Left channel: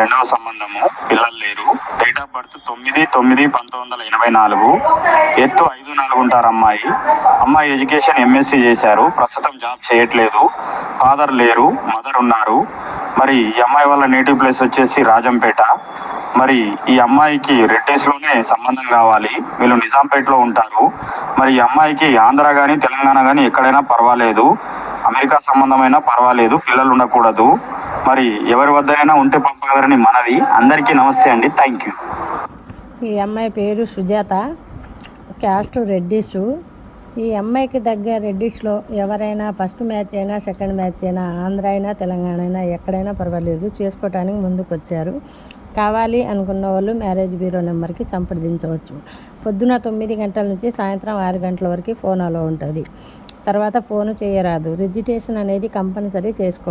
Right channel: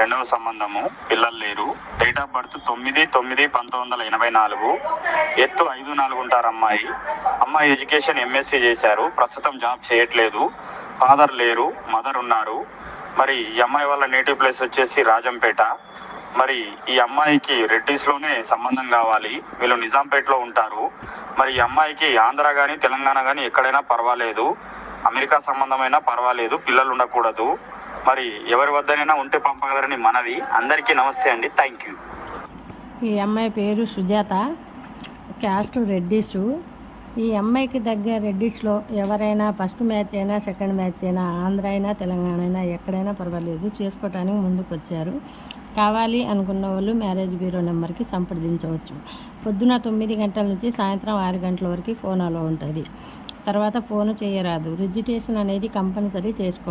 రెండవ సంబంధము, పిల్లలు లేరు. Date of birth 9/9/1984. ఎత్తు 5'4" ఉంటారు అమ్మాయి. అమ్మాయి ఎడ్యుకేషన్ MSc చేశారు. ప్రస్తుతం జాబ్ చేయట్లేదు. ఫాదర్ లేరు, మదర్ ఉన్నారు. మరి ఈ అమ్మాయి వాళ్ళ నేటివ్ ప్లేస్ వచ్చేసి రాజంపేట. మరి ఈ అమ్మాయికి రెడ్డిస్లోనే సంబంధం కావాలి. వీళ్ళు నిజాంపేటలో ఉంటారు. మరి ఈ అమ్మాయికి ఆంధ్ర కానీ తెలంగాణ కానీ ఎక్కడైనా పర్వాలేదు, అమెరికా సంబంధమైనా పర్వాలేదు, పిల్లలు ఉండకూడదు. మరి ఎవరి వద్దనైనా ఉంటే పంపగలరని మనవి. అందరికీ నమస్తే అండి. Thank you. ఈ అమ్మాయి పేరు సుజాత, క్యాస్ట్ రెడ్డిస్. ఈ అమ్మాయికి దగ్గర రెడ్డిస్లో ఎవరైనా ఫస్ట్ మ్యాచ్ అయినా సెకండ్ మ్యాచ్ అయినా ఆంధ్ర అయినా తెలంగాణ అయినా ఎక్కడైనా పర్వాలేదు, చేసుకోవటానికి ముందుకు వచ్చారు. కావాలి అనుకున్న వాళ్ళు మ్యారేజ్ బ్యూరో నెంబర్కి సంప్రదించవచ్చు. పొద్దున 9 గంటల నుంచి సాయంత్రం 6 గంటల వరకు ఫోన్ అలో ఉంటుంది. తర్వాత ఫోను చేయరాదు. రిజిస్ట్రేషన్ అనేది కంపల్సరీ చేసుకో.